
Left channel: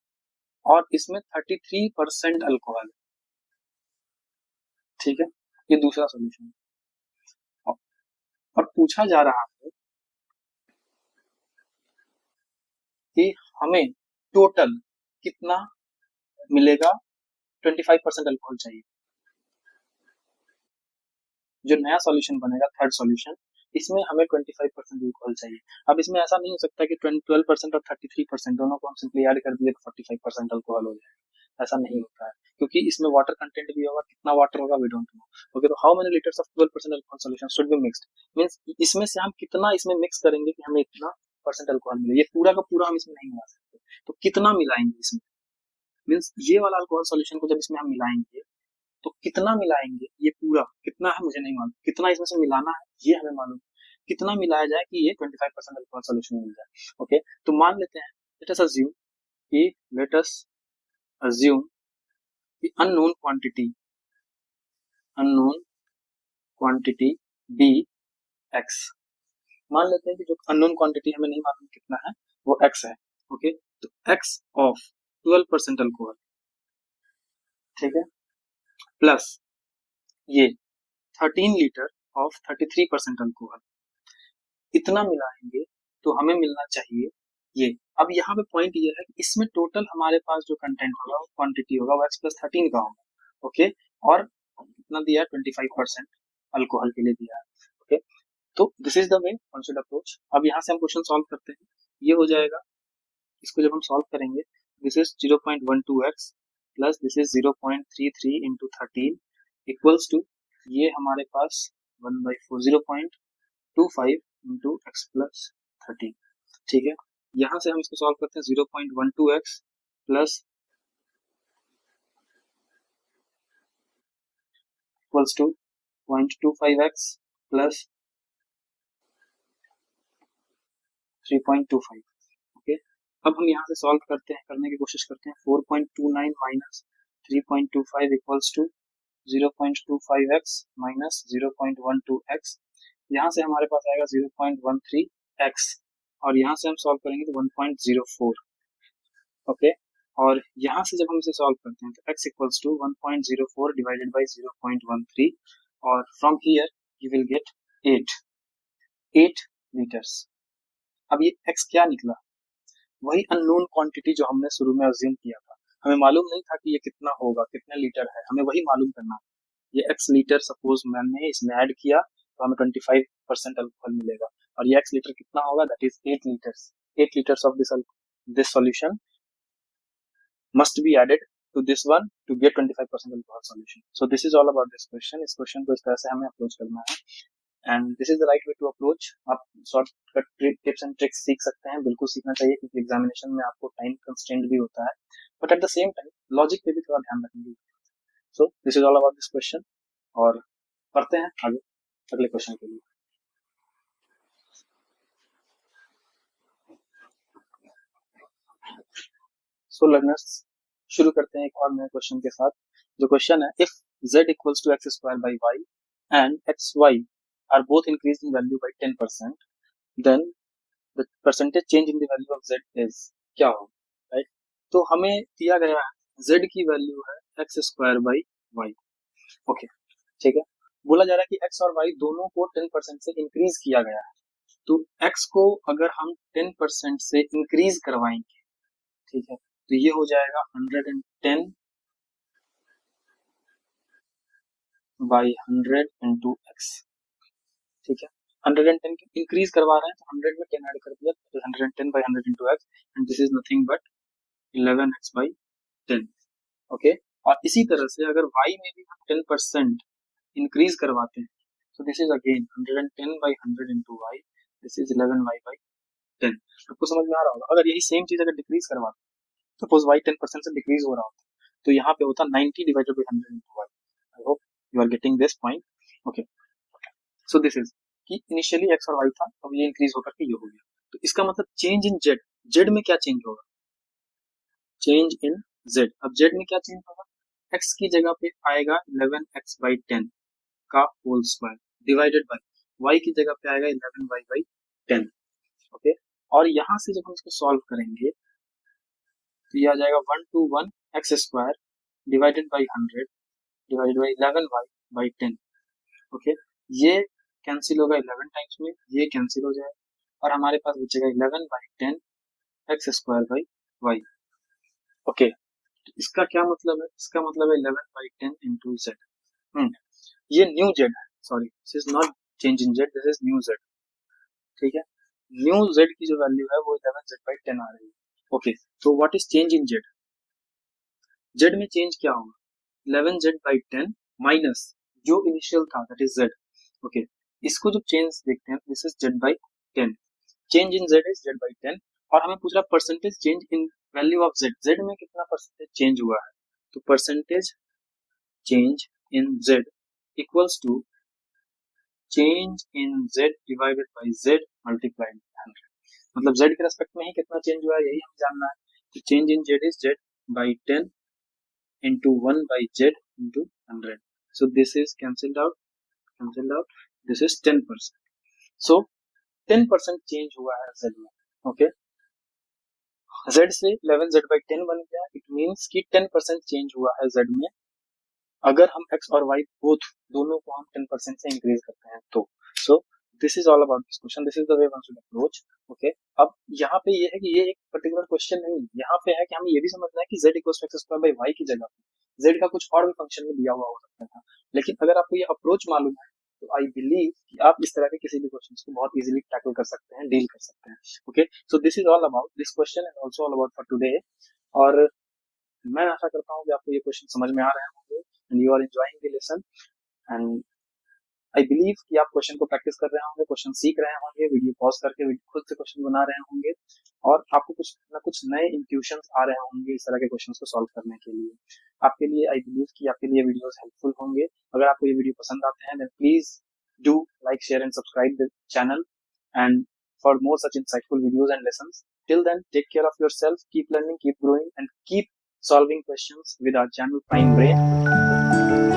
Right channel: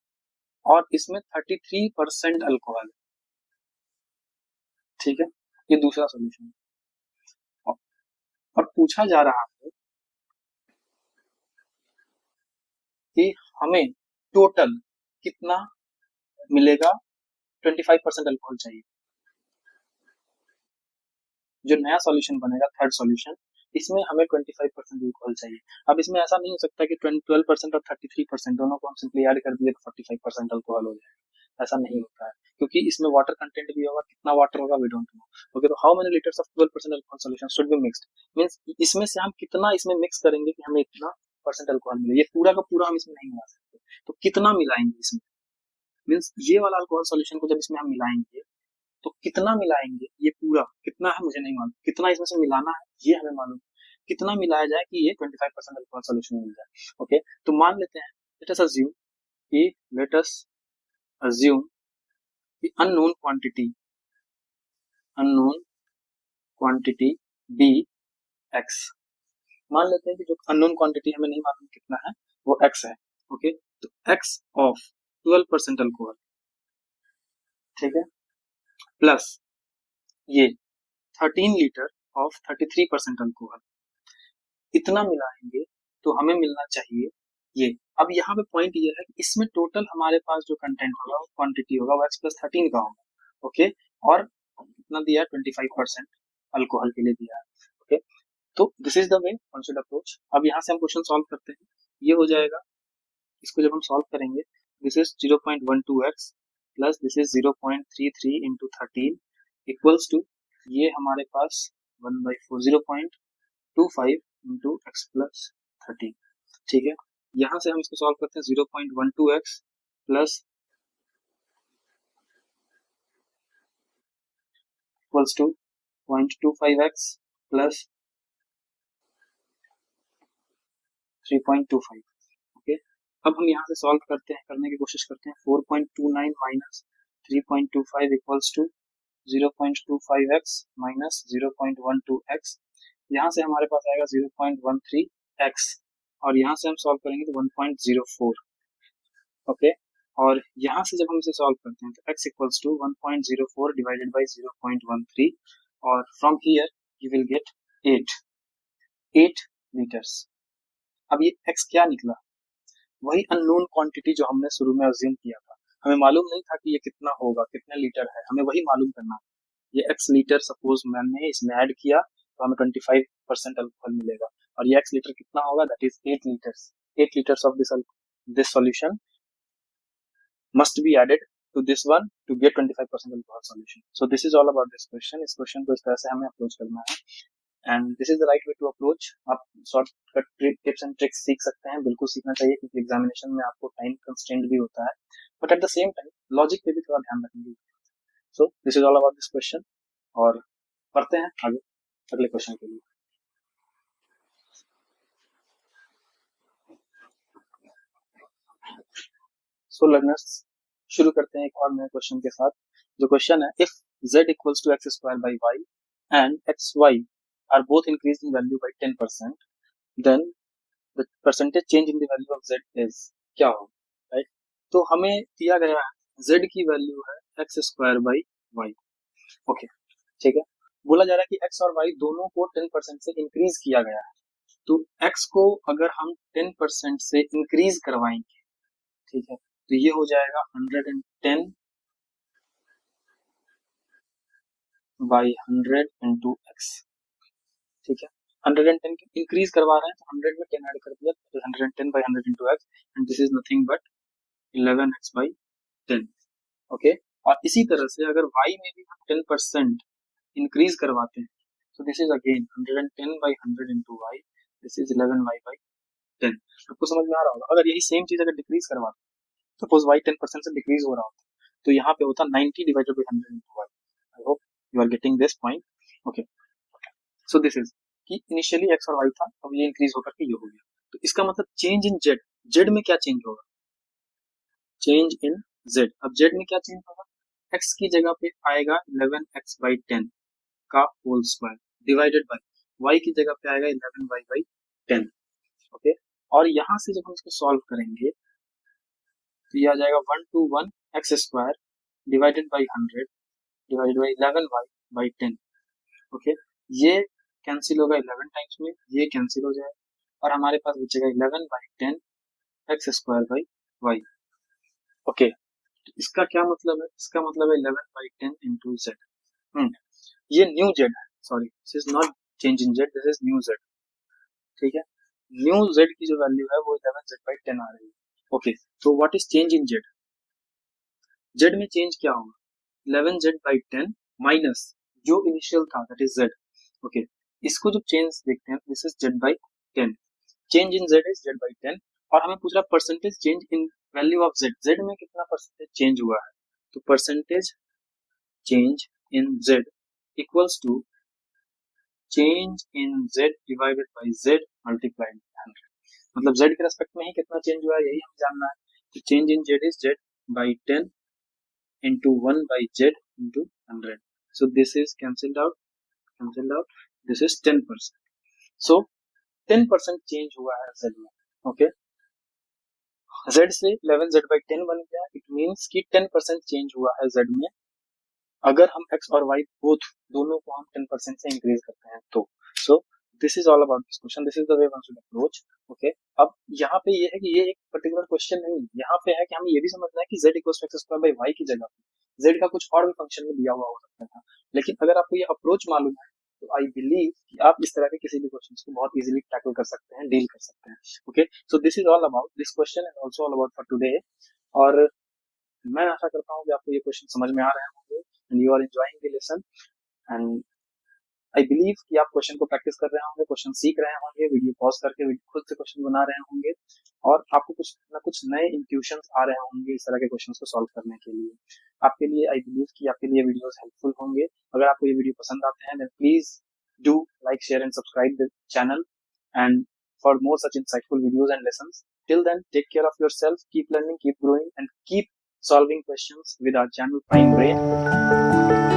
और इसमें 33% अल्कोहल, ठीक है, ये दूसरा सॉल्यूशन है। और पूछा जा रहा है कि हमें टोटल कितना मिलेगा, 25% अल्कोहल चाहिए। जो नया सॉल्यूशन बनेगा, थर्ड सॉल्यूशन, इसमें हमें 25% अल्कोहल चाहिए। अब इसमें ऐसा नहीं हो सकता कि 12% और 33% दोनों को हम सिंपली ऐड कर दिए तो 45% अल्कोहल हो जाए, ऐसा नहीं होता है, क्योंकि इसमें वाटर कंटेंट भी होगा। कितना वाटर होगा वी डोंट नो। ओके, तो how many litres of 12% alcohol solution should be mixed, means इसमें से हम कितना इसमें मिक्स करेंगे कि हमें इतना परसेंट अल्कोहल मिले। ये पूरा का पूरा हम इसमें नहीं मिला सकते, तो कितना मिलाएंगे इसमें, मीन्स ये वाला अल्कोहल सॉल्यूशन को जब इसमें हम मिलाएंगे तो कितना मिलाएंगे, ये पूरा कितना है मुझे नहीं मालूम, कितना इसमें से मिलाना है ये हमें मालूम, कितना मिलाया जाए कि ये 25% अल्कोहल सॉल्यूशन मिल जाए। ओके, तो मान लेते हैं, लेट अस अज्यूम कि अननोन क्वांटिटी बी एक्स। मान लेते हैं कि जो अननोन क्वांटिटी हमें नहीं मालूम कितना है वो एक्स है। ओके, तो एक्स ऑफ 12% अल्कोहल, ठीक है, प्लस ये 13 लीटर ऑफ 33% अल्कोहल, इतना मिलाएंगे तो हमें मिलना चाहिए ये। अब यहाँ पे पॉइंट ये है कि इसमें टोटल हमारे पास जो कंटेंट होगा, वो क्वांटिटी होगा, वो एक्स प्लस 13 का होगा। ओके, कितना दिया है, 25% अल्कोहल के लिए दिया है। ओके, तो this is the way one should approach. अब यहाँ से हम क्वेश्चन सॉल्व करते हैं, ये हो जाएगा। इसको जब हम सॉल्व करेंगे, this is 0.12x plus this is 0.33 into 13 equals to, ये हमारे पास 1/4, 0.25 इंटू एक्स प्लस 13, ठीक है। यहाँ से हम इसको सॉल्व करते हैं, 0.12x plus equals to 0.25x plus 3.25। Okay, अब हम यहाँ से सॉल्व करते हैं, करने की कोशिश करते हैं। 4.29 minus 3.25 equals to 0.25x minus 0.12x, यहाँ से हमारे पास आएगा 0.13x, और यहाँ से हम सॉल्व करेंगे तो 1.04। ओके, और यहाँ से जब हम इसे सॉल्व करते हैं तो x equals to 1.04 divided by 0.13, और from here you will get 8 meters. अब ये x क्या निकला? वही अननोन क्वांटिटी जो हमने शुरू में अज्यूम किया था। हमें मालूम नहीं था कि ये कितना होगा, कितने लीटर है, हमें वही मालूम करना है। ये x लीटर सपोज मैंने इसमें ऐड किया तो हमें 25% अल्कोहल मिलेगा, और ये x लीटर कितना होगा? That is 8 litres. 8 litres of this solution must be added to this one to get 25% alcohol solution. So this is all about this question. इस क्वेश्चन को इस तरह से हमें अप्रोच करना है, and this is the right way to approach. आप shortcut tips and tricks सीख सकते हैं, बिल्कुल सीखना चाहिए, क्योंकि एग्जामिनेशन में आपको टाइम कंस्ट्रेंट भी होता है, but at the same time logic पे भी थोड़ा ध्यान रखेंगे। सो this is all about this question, और करते हैं आगे अगले क्वेश्चन के लिए। सो लर्नर्स, शुरू करते हैं एक और नए क्वेश्चन के साथ। जो क्वेश्चन है, if z equals to X square by Y and X Y are both increase in value by 10%, then the percentage change in the value of z is, क्या हो, राइट? तो हमें दिया गया है z की वैल्यू है X square by Y. Okay, ठीक है। बोला जा रहा है कि x और y दोनों को 10% से इंक्रीज किया गया है, तो x को अगर हम 10% से इंक्रीज करवाएंगे, ठीक है, तो ये हो जाएगा 110 बाई 100 इंटू एक्स, ठीक है। 110 की इंक्रीज करवा रहे हैं तो 100 में 10 ऐड कर दिया, तो 110 by 100 into x, and this is nothing but 11x by 10। Okay, और इसी तरह से अगर y में भी हम 10% इंक्रीज करवाते हैं, so this is again 110 by 100 into y, this is 11y by 10। आपको समझ में आ रहा होगा। अगर यही सेम चीज अगर डिक्रीज करवाते, सपोज y 10% से डिक्रीज हो रहा होता, तो यहाँ पे होता 90 divided by 100 into y। I hope you are getting this point. Okay, so this is कि इनिशियली x और y था, अब ये इंक्रीज होकर के ये हो गया, तो इसका मतलब चेंज इन z, z में क्या चेंज होगा? चेंज इन z, अब z में क्या चेंज होगा? x की जगह पे आएगा 11x बाई 10 का whole square divided by y की जगह पे आएगा 11y बाई 10। ओके, और यहाँ से जब हम इसको सॉल्व करेंगे तो ये आ जाएगा 1 to 1 x square divided by 100 divided by 11y by 10। Okay, ये कैंसिल होगा 11 टाइम्स में, ये कैंसिल हो जाएगा, और हमारे पास बचेगा 11 by 10 X square by Y. Okay, इसका क्या मतलब है? इसका मतलब है 11 बाई 10 इंटू जेड। ये न्यू जेड है, sorry this is not change in Z, this is new Z, ठीक है। न्यू जेड की जो वैल्यू है वो 11 जेड बाई 10 आ रही है। ओके, तो what is change in Z? Z में चेंज क्या होगा? 11 जेड बाई 10 माइनस जो इनिशियल था दैट इज जेड। ओके, इसको जब चेंज देखते हैं this is Z by 10, change in Z is Z by 10, और हमें पूछ रहा percentage change in value of Z, Z में कितना परसेंटेज चेंज हुआ है, तो percentage change in Z equals to change in Z divided by Z multiplied 100। मतलब जेड के रेस्पेक्ट में ही कितना चेंज हुआ है यही हमें जानना है, तो change in Z is Z by 10 into 1 by z into 100, so this is cancelled out, this is 10%, so 10% change हुआ है z में। ओके, z से 11z by 10 बन गया, इट मींस कि 10% चेंज हुआ है z में, अगर हम x और y बोथ दोनों को हम 10% से इंक्रीज करते हैं तो। सो this is all about this question, this is the way one should approach. Okay, अब यहाँ पे ये है कि ये एक पर्टिकुलर क्वेश्चन नहीं है, यहाँ पे है कि हमें ये भी समझना है कि z equals to X square by Y की जगह z का कुछ और भी फंक्शन में दिया हुआ हो सकता था, लेकिन अगर आपको ये अप्रोच मालूम है तो आई बिलीव कि आप इस तरह के किसी भी क्वेश्चन को बहुत इजीली टैकल कर सकते हैं, डील कर सकते हैं। Okay, so this is all about this question and also all about for today, और मैं आशा करता हूँ कि आपको ये क्वेश्चन समझ में आ रहे होंगे and you are enjoying the lesson, and I believe कि आप क्वेश्चन को प्रैक्टिस कर रहे होंगे, क्वेश्चन सीख रहे होंगे, वीडियो पॉज करके खुद से क्वेश्चन बना रहे होंगे, और आपको कुछ ना कुछ नए इंट्यूशंस आ रहे होंगे इस तरह के क्वेश्चंस को सॉल्व करने के लिए। आपके लिए आई बिलीव कि आपके लिए वीडियोस हेल्पफुल होंगे। अगर आपको ये वीडियो पसंद आते हैं then please do like, share and subscribe the channel, and for more such insightful videos and lessons. Till then, take care of yourself, keep learning, keep growing, and keep solving questions with our channel Prime Brain.